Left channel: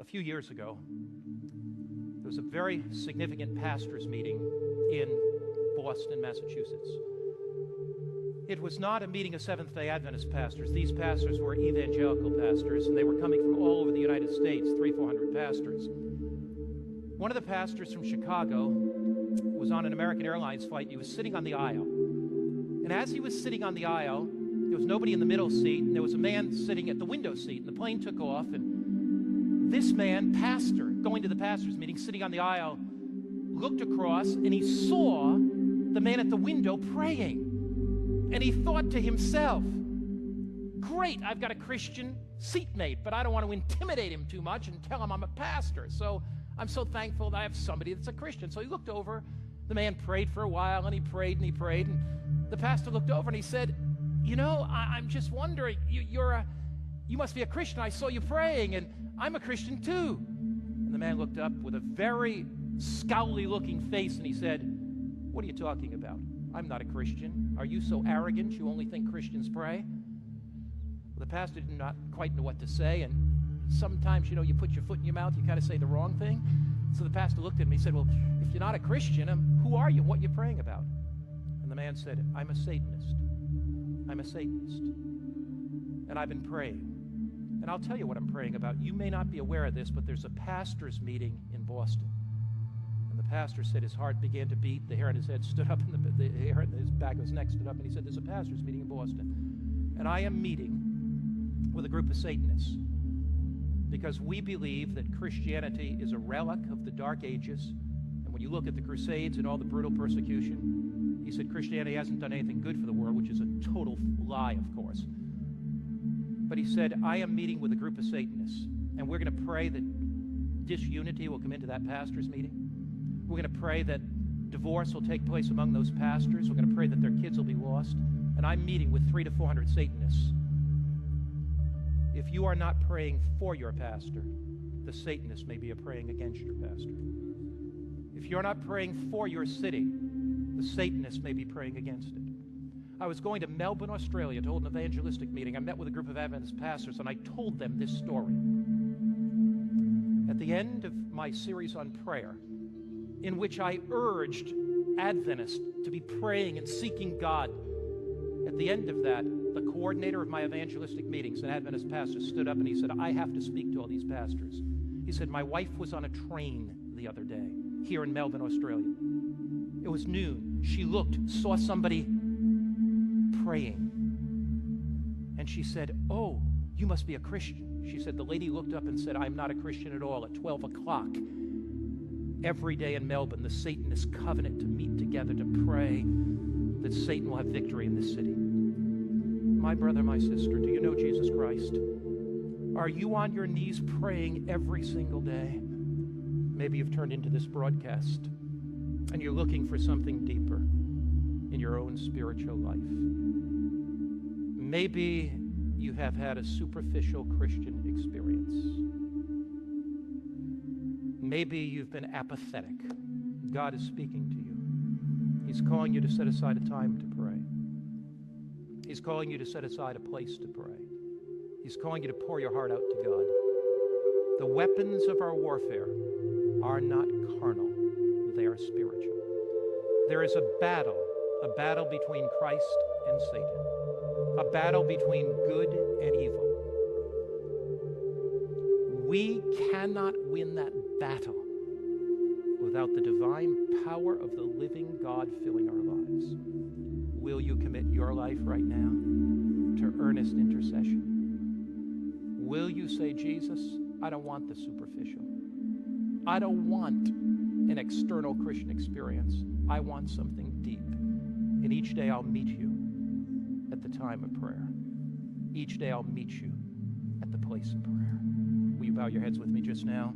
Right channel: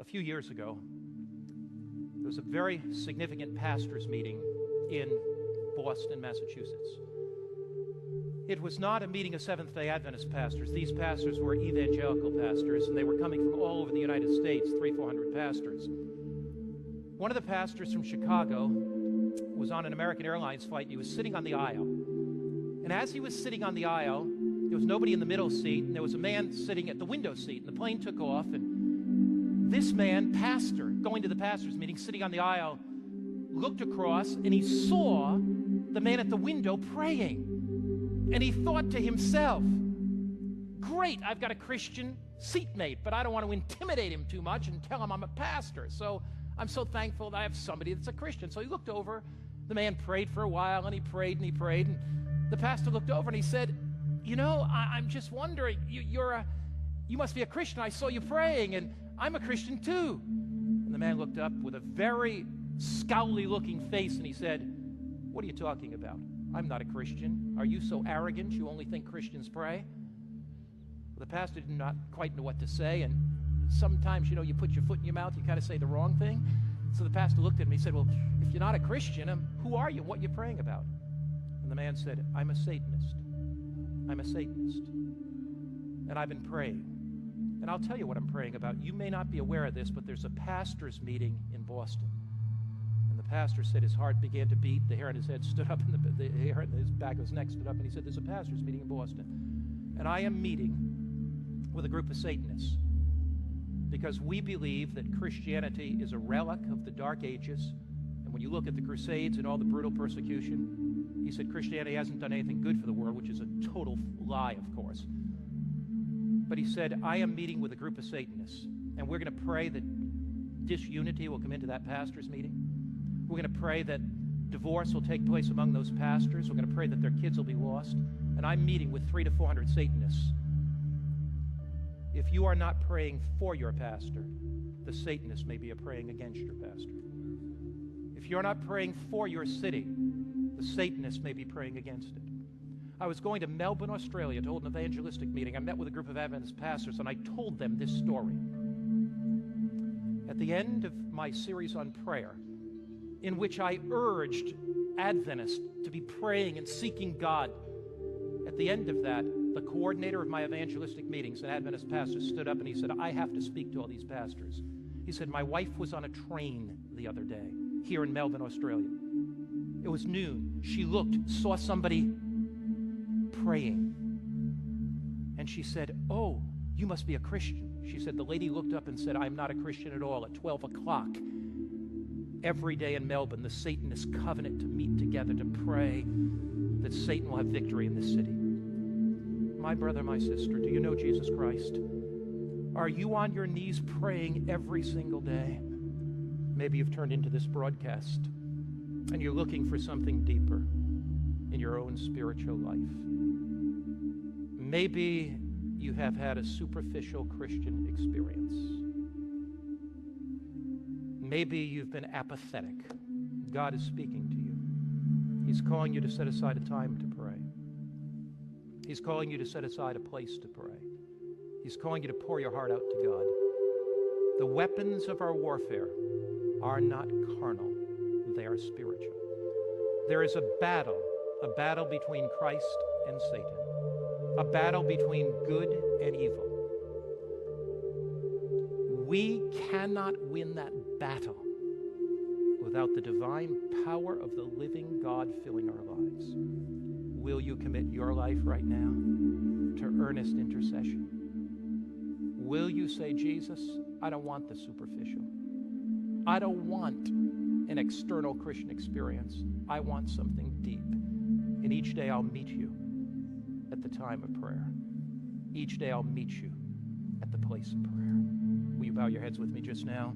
A few years ago, there was a very significant pastors' meeting in Boston, Massachusetts. It was not a meeting of Seventh-day Adventist pastors. These pastors were evangelical pastors, and they were coming from all over the United States, 300-400 pastors. One of the pastors from Chicago was on an American Airlines flight, and he was sitting on the aisle. And as he was sitting on the aisle, there was nobody in the middle seat, and there was a man sitting at the window seat, and the plane took off, and this man, pastor, going to the pastors' meeting, sitting on the aisle, looked across, and he saw the man at the window praying. And he thought to himself, great, I've got a Christian seatmate, but I don't want to intimidate him too much and tell him I'm a pastor. So I'm so thankful that I have somebody that's a Christian. So he looked over, the man prayed for a while, and he prayed, and the pastor looked over and he said, you know, I'm just wondering, you must be a Christian. I saw you praying, and I'm a Christian too. And the man looked up with a very scowly-looking face, and he said, what are you talking about? I'm not a Christian. Are you so arrogant you only think Christians pray? Well, the pastor did not quite know what to say, and sometimes, you know, you put your foot in your mouth, you kind of say the wrong thing. So the pastor looked at him, he said, well, if you're not a Christian, who are you? What are you praying about? And the man said, I'm a Satanist. I'm a Satanist. And I've been praying. And I'll tell you what I'm praying about. You may not be aware of this, but there's a pastor's meeting in Boston. And the pastor said his heart began to beat, the hair on his head stood up, and the hair on his back of his neck stood up, and he said, there's a pastor's meeting in Boston. And I am meeting with a group of Satanists because we believe that Christianity is a relic of the Dark Ages. And when you look at the Crusades and all the brutal persecution, he said Christianity hasn't done anything good for the world, which is a total lie, of course. But he said, I am meeting with a group of Satanists, and we're going to pray that disunity will come into that pastor's meeting. We're going to pray that divorce will take place among those pastors. We're going to pray that their kids will be lost. And I'm meeting with 300 to 400 Satanists. If you are not praying for your pastor, the Satanists may be praying against your pastor. If you're not praying for your city, the Satanists may be praying against it. I was going to Melbourne, Australia to hold an evangelistic meeting. I met with a group of Adventist pastors, and I told them this story. At the end of my series on prayer, in which I urged Adventists to be praying and seeking God, at the end of that, the coordinator of my evangelistic meetings, an Adventist pastor, stood up and he said, I have to speak to all these pastors. He said, my wife was on a train the other day here in Melbourne, Australia. It was noon. She looked, saw somebody praying. And she said, oh, you must be a Christian. She said, the lady looked up and said, I'm not a Christian at all. At 12 o'clock, every day in Melbourne, the Satanists covenant to meet together to pray that Satan will have victory in this city. My brother, my sister, do you know Jesus Christ? Are you on your knees praying every single day? Maybe you've turned into this broadcast and you're looking for something deeper in your own spiritual life. Maybe you have had a superficial Christian experience. Maybe you've been apathetic. God is speaking to you. He's calling you to set aside a time to pray. He's calling you to set aside a place to pray. He's calling you to pour your heart out to God. The weapons of our warfare are not carnal. They are spiritual. There is a battle between Christ and Satan, a battle between good and evil. We cannot win that battle without the divine power of the living God filling our lives. Will you commit your life right now to earnest intercession? Will you say, Jesus, I don't want the superficial. I don't want an external Christian experience. I want something deep. And each day I'll meet you at the time of prayer. Each day I'll meet you at the place of prayer. Will you bow your heads with me just now?